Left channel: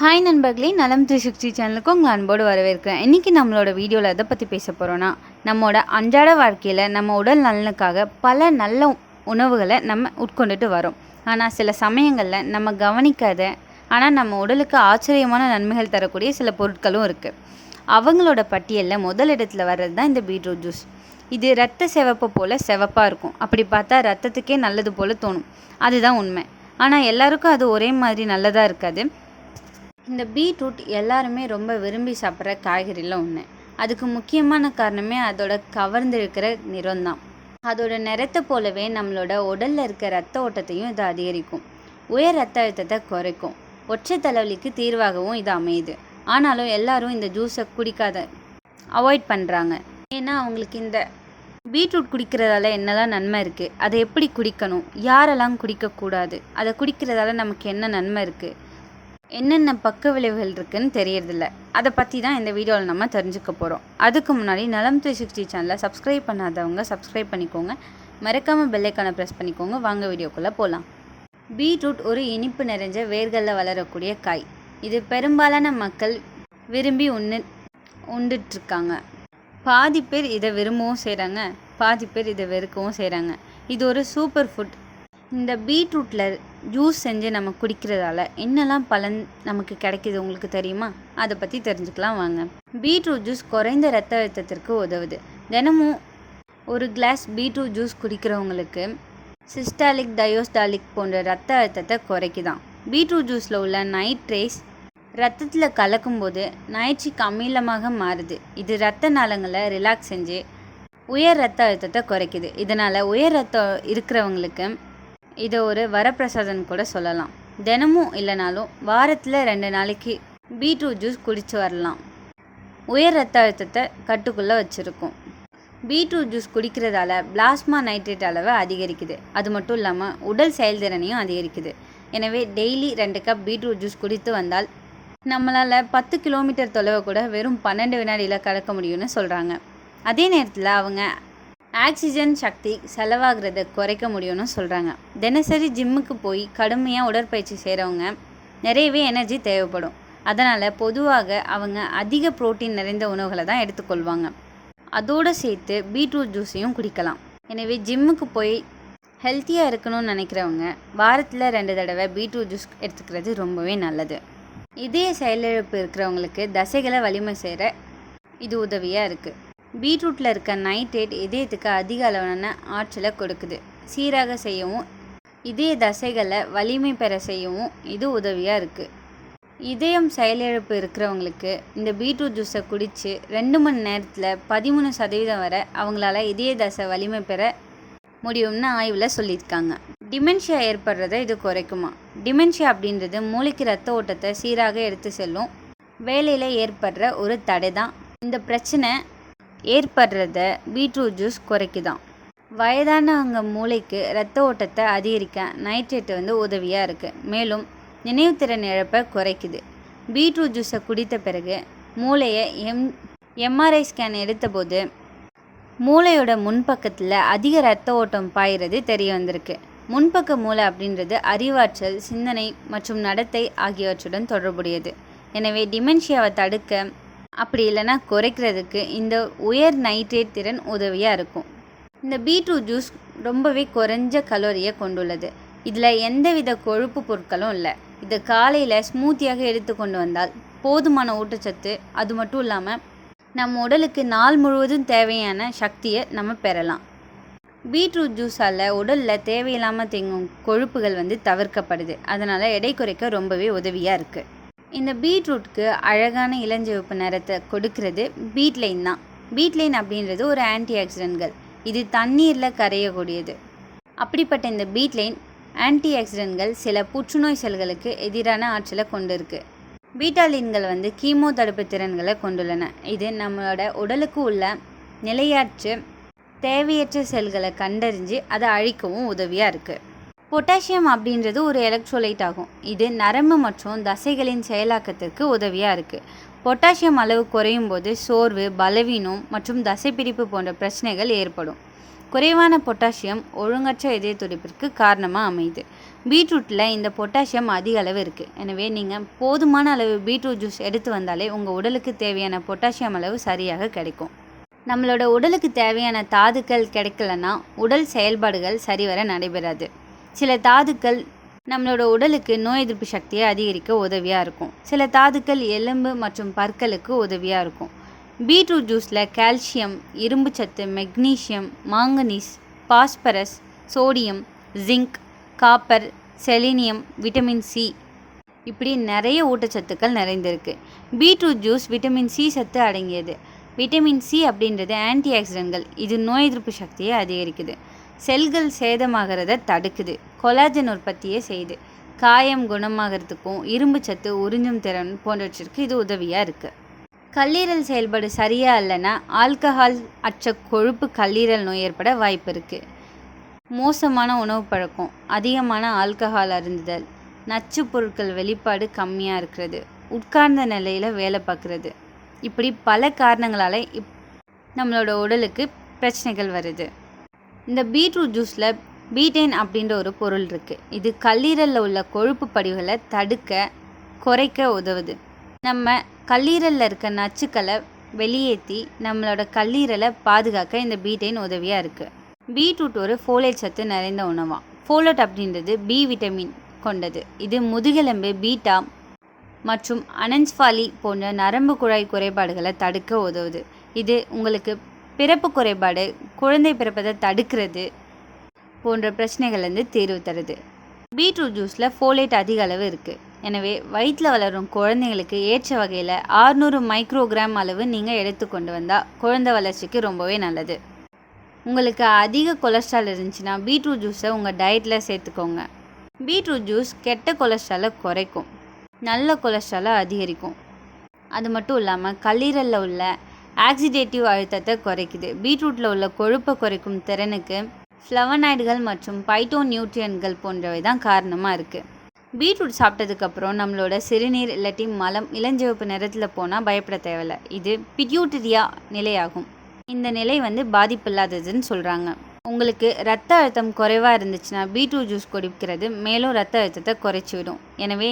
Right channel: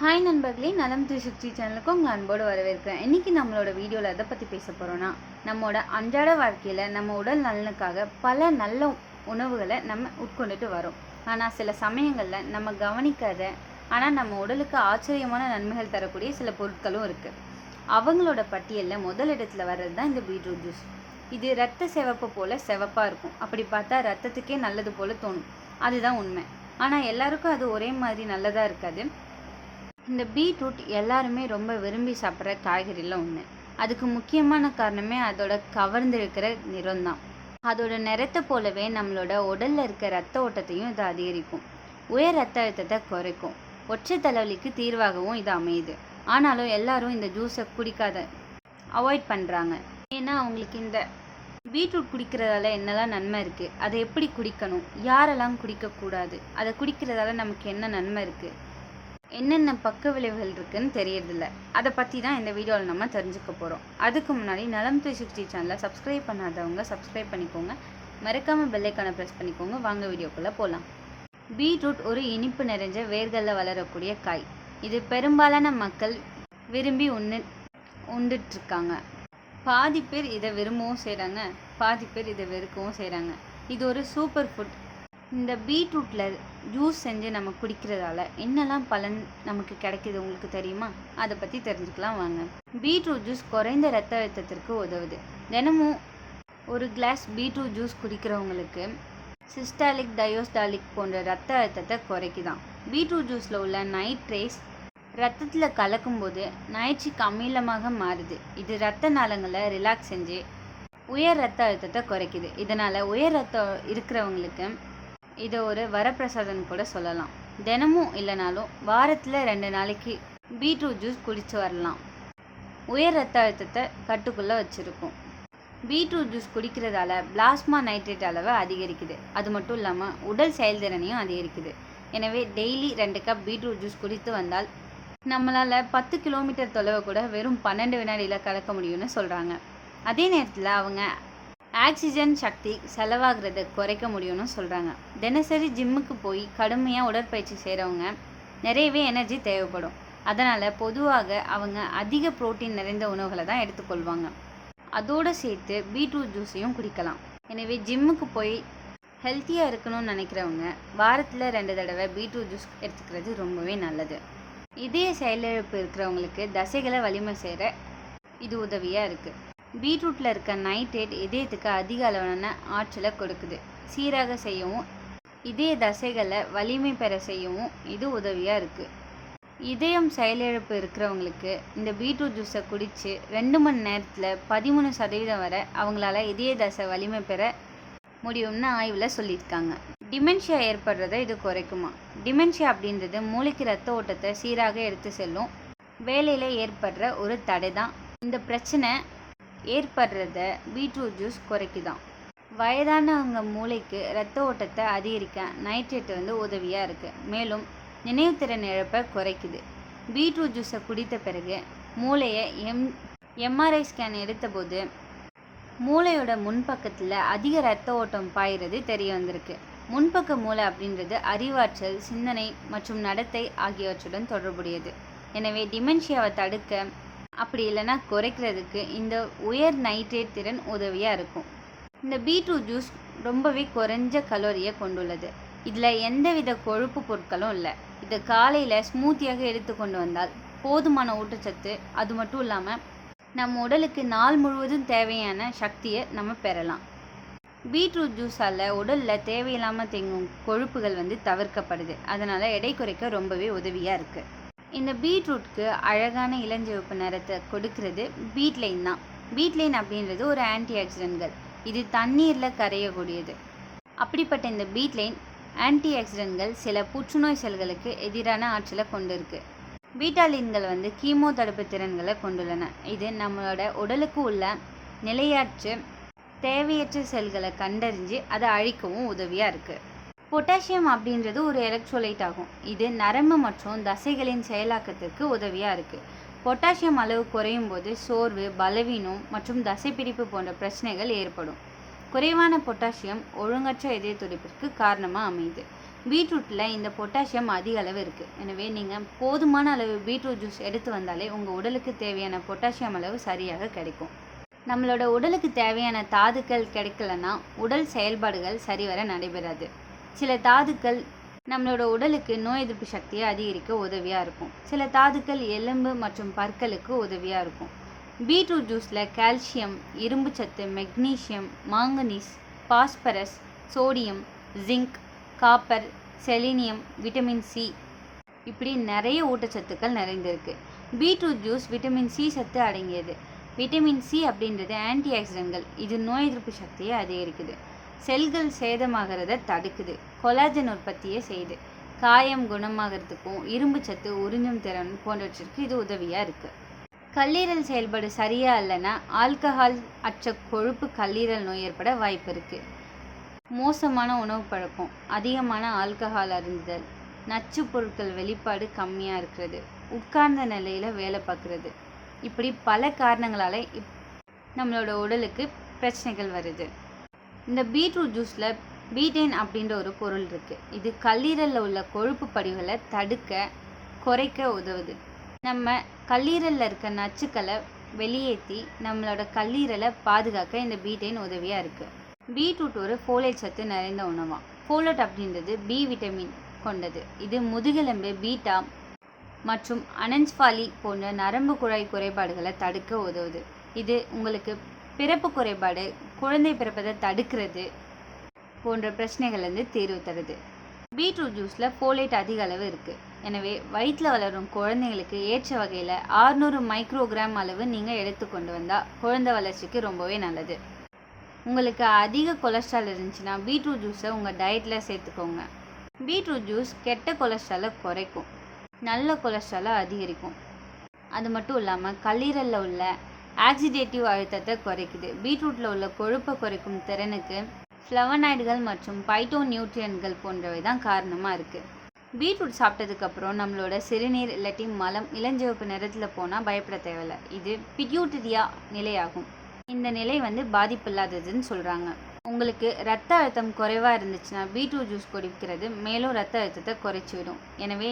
Hi நண்பர்களே நலம் three sixty சேனலுக்கு உங்கள் அன்போடு வரவேற்கிறேன். இன்றைக்கி நம்மளோட வீடியோவில் எதை பற்றி பேச போகிறோன்னா நம்மளோட அன்றாட வாழ்க்கையில் நம்ம உடல் நலனுக்காக பல நல்ல உணவுகளை நம்ம உட்கொண்டுட்டு வரோம். ஆனால் சில சமயங்களில் நம்ம கவனிக்காத ஆனால் நம்ம உடலுக்கு ஆச்சரியமான நன்மைகள் தரக்கூடிய சில பொருட்களும் இருக்குது அவங்களோட பட்டியலில் முதல் இடத்துல வர்றது தான் இந்த பீட்ரூட் ஜூஸ். இது ரத்த சிவப்பு போல் சிவப்பாக இருக்கும். அப்படி பார்த்தா ரத்தத்துக்கே நல்லது போல் தோணும். அதுதான் உண்மை. ஆனால் எல்லாருக்கும் அது ஒரே மாதிரி நல்லதாக இருக்காது. இந்த பீட்ரூட் எல்லாருமே ரொம்ப விரும்பி சாப்பிட்ற காய்கறியில் ஒன்று அதுக்கு முக்கியமான காரணமே அதோட கவர்ந்திருக்கிற நிறம் தான் அதோட நிறத்தை போலவே நம்மளோட உடலில் இருக்க ரத்த ஓட்டத்தையும் இது அதிகரிக்கும். உயர் ரத்த அழுத்தத்தை குறைக்கும். ஒற்றை தலைவலிக்கு தீர்வாகவும் இது அமையுது. ஆனாலும் எல்லாரும் இந்த ஜூஸை குடிக்காத அவாய்ட் பண்ணுறாங்க ஏன்னா அவங்களுக்கு இந்த பீட்ரூட் குடிக்கிறதால என்னெல்லாம் நன்மை இருக்குது அதை எப்படி குடிக்கணும் யாரெல்லாம் குடிக்கக்கூடாது அதை குடிக்கிறதால நமக்கு என்ன நன்மை இருக்குது என்னென்ன பக்க விளைவுகள் இருக்குதுன்னு தெரியறதில்ல. அதை பற்றி தான் இந்த வீடியோவில் நம்ம தெரிஞ்சுக்க போகிறோம் அதுக்கு முன்னாடி நலம் த்ரீ சிக்ஸ்டி சேனலை சப்ஸ்கிரைப் பண்ணாதவங்க சப்ஸ்கிரைப் பண்ணிக்கோங்க. மறக்காமல் பெல்லைக்கான ப்ரெஸ் பண்ணிக்கோங்க. வாங்க வீடியோக்குள்ளே போகலாம் பீட்ரூட் ஒரு இனிப்பு நிறைஞ்ச வேர்களில் வளரக்கூடிய காய். இது பெரும்பாலான மக்கள் விரும்பி உண்ணு உண்டுட்ருக்காங்க பாதி பேர் இதை விரும்பவும் செய்கிறாங்க பாதி பேர் இதை வெறுக்கவும் செய்கிறாங்க இது ஒரு சூப்பர் ஃபுட் இந்த பீட்ரூட்டில் ஜூஸ் செஞ்சு நம்ம குடிக்கிறதால என்னெல்லாம் பலன் நமக்கு கிடைக்கிது உங்களுக்கு தெரியுமா? அதை பற்றி தெரிஞ்சுக்கலாம் வாங்க. பீட்ரூட் ஜூஸ் குறைந்த ரத்த அழுத்தத்திற்கு உதவுது. தினமும் ஒரு கிளாஸ் பீட்ரூட் ஜூஸ் குடிக்கிறவங்களுக்கு சிஸ்டாலிக் டயோஸ்டாலிக் போன்ற ரத்த அழுத்தத்தை குறைக்குதான். பீட்ரூட் ஜூஸில் உள்ள நைட்ரேஸ் ரத்தத்தில் கலக்கும்போது நைட்ரிக் அமிலமாக மாறுது. இது ரத்த நாளங்களை ரிலாக்ஸ் செஞ்சு உயர் ரத்த அழுத்தத்தை குறைக்குது. இதனால் உயர் ரத்தம் இருக்கிறவங்களுக்கு இதை ஒரு வரப்பிரசாதம் கூட சொல்லலாம். தினமும் இல்லைனாலும் வாரத்தில் ரெண்டு நாளைக்கு பீட்ரூட் ஜூஸ் குடிச்சு வரலாம். உயர் ரத்த அழுத்தத்தை கட்டுக்குள்ளே வச்சுருக்கும். பீட்ரூட் ஜூஸ் குடிக்கிறதால பிளாஸ்மா நைட்ரேட் அளவை அதிகரிக்குது. அது மட்டும் இல்லாமல் உடல் செயல்திறனையும் அதிகரிக்குது. எனவே டெய்லி ரெண்டு கப் பீட்ரூட் ஜூஸ் குடித்து வந்தால் நம்மளால் பத்து கிலோமீட்டர் தொலைவை கூட வெறும் பன்னெண்டு வினாடியில் கடக்க முடியும்னு சொல்கிறாங்க அதே நேரத்தில் அவங்க ஆக்சிஜன் சக்தி செலவாகிறத குறைக்க முடியும்னு சொல்கிறாங்க தினசரி ஜிம்முக்கு போய் கடுமையாக உடற்பயிற்சி செய்கிறவங்க நிறையவே எனர்ஜி தேவைப்படும். அதனால் பொதுவாக அவங்க அதிக புரோட்டீன் நிறைந்த உணவுகளை தான் எடுத்துக்கொள்வாங்க. அதோடு சேர்த்து பீட்ரூட் ஜூஸையும் குடிக்கலாம். எனவே ஜிம்முக்கு போய் ஹெல்த்தியாக இருக்கணும்னு நினைக்கிறவங்க வாரத்தில் ரெண்டு தடவை பீட்ரூட் ஜூஸ் எடுத்துக்கிறது ரொம்பவே நல்லது. இதய செயலிழப்பு இருக்கிறவங்களுக்கு தசைகளை வலிமை செய்கிற இது உதவியாக இருக்குது பீட்ரூட்டில் இருக்க நைட்ரேட் இதயத்துக்கு அதிக அளவான ஆற்றலை கொடுக்குது. சீராக செய்யவும் இதய தசைகளை வலிமை பெற செய்யவும் இது உதவியாக இருக்குது இதயம் செயலிழப்பு இருக்கிறவங்களுக்கு இந்த பீட்ரூட் ஜூஸை குடித்து ரெண்டு மணி நேரத்தில் பதிமூணு சதவீதம் வரை அவங்களால இதய தசை வலிமை பெற முடியும்னு ஆய்வில் சொல்லியிருக்காங்க. டிமென்ஷியா ஏற்படுறதை இது குறைக்குமா? டிமென்ஷியா அப்படின்றது மூளைக்கு ரத்த ஓட்டத்தை சீராக எடுத்து செல்லும் வேலையில் ஏற்படுற ஒரு தடை தான் இந்த பிரச்சனை ஏற்படுறத பீட்ரூட் ஜூஸ் குறைக்குதான். வயதானவங்க மூளைக்கு ரத்த ஓட்டத்தை அதிகரிக்க நைட்ரேட் வந்து உதவியாக இருக்குது மேலும் நினைவுத்திறன் இழப்பை குறைக்குது. பீட்ரூட் ஜூஸை குடித்த பிறகு மூளையை எம் எம்ஆர்ஐ ஸ்கேன் எடுத்தபோது மூளையோட முன்பக்கத்தில் அதிக ரத்த ஓட்டம் பாயிறது தெரிய வந்திருக்கு. முன்பக்க மூளை அப்படின்றது அறிவாற்றல் சிந்தனை மற்றும் நடத்தை ஆகியவற்றுடன் தொடர்புடையது. எனவே டிமென்ஷியாவை தடுக்க அப்படி இல்லைன்னா குறைக்கிறதுக்கு இந்த உயர் நைட்ரேட் திறன் உதவியாக இருக்கும். இந்த பீட்ரூட் ஜூஸ் ரொம்பவே குறைஞ்ச கலோரியை கொண்டுள்ளது. இதில் எந்தவித கொழுப்பு பொருட்களும் இல்லை. இதை காலையில் ஸ்மூத்தியாக எடுத்துக்கொண்டு வந்தால் போதுமான ஊட்டச்சத்து அது மட்டும் இல்லாமல் நம்ம உடலுக்கு நாள் முழுவதும் தேவையான சக்தியை நம்ம பெறலாம். பீட்ரூட் ஜூஸால் உடலில் தேவையில்லாமல் தேங்கும் கொழுப்புகள் வந்து தவிர்க்கப்படுது. அதனால் எடை குறைக்க ரொம்பவே உதவியாக இருக்குது இந்த பீட்ரூட்க்கு அழகான இளஞ்சிவப்பு நிறத்தை கொடுக்கறது. பீட்லைன் தான். பீட்லைன் அப்படின்றது ஒரு ஆன்டி ஆக்சிடென்ட்கள் இது தண்ணீரில் கரையக்கூடியது. அப்படிப்பட்ட இந்த பீட்லைன் ஆன்டி ஆக்சிடென்ட்கள் சில புற்றுநோய் செல்களுக்கு எதிரான ஆற்றலை கொண்டிருக்கு. பீட்டாலின்கள் வந்து கீமோ தடுப்பு திறன்களை கொண்டுள்ளன. இது நம்மளோட உடலுக்கு உள்ள நிலையாற்று தேவையற்ற செல்களை கண்டறிஞ்சு அதை அழிக்கவும் உதவியாக இருக்குது பொட்டாசியம் அப்படின்றது ஒரு எலக்ட்ரோலைட் ஆகும். இது நரம்பு மற்றும் தசைகளின் செயலாக்கத்திற்கு உதவியாக இருக்குது பொட்டாசியம் அளவு குறையும் போது சோர்வு பலவீனம் மற்றும் தசைப்பிடிப்பு போன்ற பிரச்சனைகள் ஏற்படும். குறைவான பொட்டாசியம் ஒழுங்கற்ற இதய துடிப்பிற்கு காரணமாக அமையுது. பீட்ரூட்டில் இந்த பொட்டாசியம் அதிக அளவு இருக்குது எனவே நீங்கள் போதுமான அளவு பீட்ரூட் ஜூஸ் எடுத்து வந்தாலே உங்கள் உடலுக்கு தேவையான பொட்டாசியம் அளவு சரியாக கிடைக்கும். நம்மளோட உடலுக்கு தேவையான தாதுக்கள் கிடைக்கலன்னா உடல் செயல்பாடுகள் சரிவர நடைபெறாது. சில தாதுக்கள் நம்மளோட உடலுக்கு நோய் எதிர்ப்பு சக்தியை அதிகரிக்க உதவியாக இருக்கும். சில தாதுக்கள் எலும்பு மற்றும் பற்களுக்கு உதவியாக இருக்கும். பீட்ரூட் ஜூஸில் கால்சியம் இரும்புச்சத்து magnesium manganese phosphorus sodium zinc copper selenium vitamin C இப்படி நிறைய ஊட்டச்சத்துக்கள் நிறைந்திருக்கு. பீட்ரூட் ஜூஸ் விட்டமின் சி சத்து அடங்கியது. விட்டமின் சி அப்படின்றது ஆன்டி ஆக்சிடென்ட்கள் இது நோய் எதிர்ப்பு சக்தியை அதிகரிக்குது. செல்கள் சேதமாகிறத தடுக்குது. கொலாஜன் உற்பத்தியை செய்யுது காயம் குணமாகறதுக்கும் இரும்பு சத்து உறிஞ்சும் திறன் போன்றவற்றிற்கு இது உதவியாக இருக்குது கல்லீரல் செயல்பாடு சரியாக இல்லைன்னா ஆல்கஹால் அற்ற கொழுப்பு கல்லீரல் நோய் ஏற்பட வாய்ப்பு இருக்குது மோசமான உணவு பழக்கம் அதிகமான ஆல்கஹால் அருந்துதல் நச்சு பொருட்கள் வெளிப்பாடு கம்மியாக இருக்கிறது உட்கார்ந்த நிலையில் வேலை பார்க்குறது இப்படி பல காரணங்களால் இப் நம்மளோட உடலுக்கு பிரச்சனைகள் வருது. இந்த பீட்ரூட் ஜூஸில் பீட்டைன் அப்படின்ற ஒரு பொருள் இருக்குது இது கல்லீரலில் உள்ள கொழுப்பு படிவுகளை தடுக்க குறைக்க உதவுது. நம்ம கல்லீரலில் இருக்க நச்சுக்களை வெளியேற்றி நம்மளோட கல்லீரலை பாதுகாக்க இந்த பீட்டைன் உதவியாக இருக்குது பீட்ரூட் ஒரு ஃபோலேட் சத்து நிறைந்த உணவாம் ஃபோலட் அப்படின்றது பி விட்டமின் கொண்டது. இது முதுகெலும்பு பீட்டா மற்றும் அனன்ஸ்பாலி போன்ற நரம்பு குழாய் குறைபாடுகளை தடுக்க உதவுது. இது உங்களுக்கு பிறப்பு குறைபாடு குழந்தை பிறப்பதை தடுக்கிறது போன்ற பிரச்சனைகள்லேருந்து தீர்வு தருது. பீட்ரூட் ஜூஸில் ஃபோலேட் அதிக அளவு இருக்குது எனவே வயிற்றில் வளரும் குழந்தைங்களுக்கு ஏற்ற வகையில் ஆறுநூறு மைக்ரோகிராம் அளவு நீங்கள் எடுத்துக்கொண்டு வந்தால் குழந்தை வளர்ச்சிக்கு ரொம்பவே நல்லது. உங்களுக்கு அதிக கொலஸ்ட்ரால் இருந்துச்சுன்னா பீட்ரூட் ஜூஸை உங்கள் டயட்டில் சேர்த்துக்கோங்க. பீட்ரூட் ஜூஸ் கெட்ட கொலஸ்ட்ராலை குறைக்கும். நல்ல கொலஸ்ட்ராலை அதிகரிக்கும். அது மட்டும் இல்லாமல் கல்லீரலில் உள்ள ஆக்சிடேட்டிவ் அழுத்தத்தை குறைக்குது. பீட்ரூட்டில் உள்ள கொழுப்பை குறைக்கும் திறனுக்கு ஃப்ளவனாய்டுகள் மற்றும் பைட்டோ நியூட்ரியன்கள் போன்றவை தான் காரணமாக இருக்குது பீட்ரூட் சாப்பிட்டதுக்கப்புறம் நம்மளோட சிறுநீர் இல்லாட்டி மலம் இளஞ்சிவப்பு நிறத்தில் போனால் பயப்பட தேவையில்ல. இது பிட்யூட்டரியா நிலையாகும். இந்த நிலை வந்து பாதிப்பில்லாததுன்னு சொல்கிறாங்க உங்களுக்கு ரத்த அழுத்தம் குறைவாக இருந்துச்சுன்னா பீட்ரூட் ஜூஸ் குடிக்கிறது மேலும் ரத்த அழுத்தத்தை குறைச்சி விடும். எனவே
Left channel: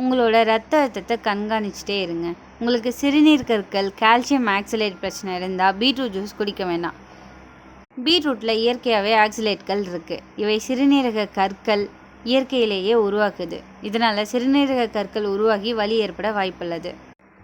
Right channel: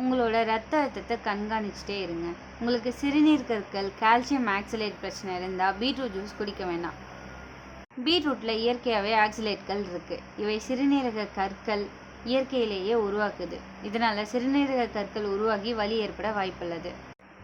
உங்களோட ரத்த அழுத்தத்தை கண்காணிச்சிட்டே இருங்க. உங்களுக்கு சிறுநீர் கற்கள் கால்சியம் ஆக்சிலேட் பிரச்சனை இருந்தால் பீட்ரூட் ஜூஸ் குடிக்க வேண்டாம் பீட்ரூட்டில் இயற்கையாகவே ஆக்சிலேட்கள் இருக்குது இவை சிறுநீரக கற்கள் இயற்கையிலேயே உருவாக்குது. இதனால் சிறுநீரக கற்கள் உருவாகி வலி ஏற்பட வாய்ப்புள்ளது.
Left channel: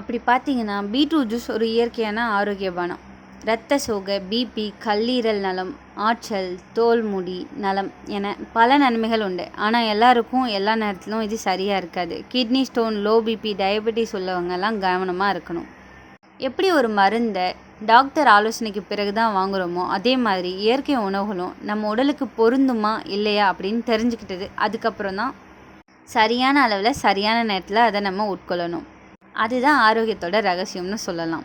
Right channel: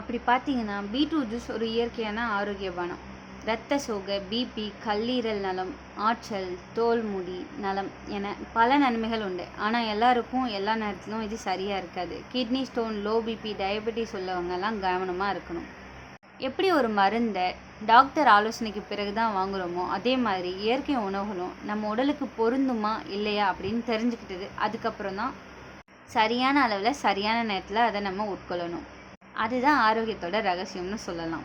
அப்படி பார்த்தீங்கன்னா பீட்ரூட் ஜூஸ் ஒரு இயற்கையான ஆரோக்கிய பானம். இரத்த சோகை பிபி கல்லீரல் நலம் ஆற்றல் தோல் முடி நலம் என பல நன்மைகள் உண்டு. ஆனால் எல்லாருக்கும் எல்லா நேரத்திலும் இது சரியாக இருக்காது. Kidney stone low BP diabetes உள்ளவங்கெல்லாம் கவனமாக இருக்கணும். எப்படி ஒரு மருந்தை டாக்டர் ஆலோசனைக்கு பிறகு தான் வாங்குகிறோமோ அதே மாதிரி இயற்கை உணவுகளும் நம்ம உடலுக்கு பொருந்துமா இல்லையா அப்படின்னு தெரிஞ்சுக்கிட்டது. அதுக்கப்புறம் தான் சரியான அளவில் சரியான நேரத்தில் அதை நம்ம உட்கொள்ளணும். அதுதான் ஆரோக்கியத்தோட ரகசியம்னு சொல்லலாம்.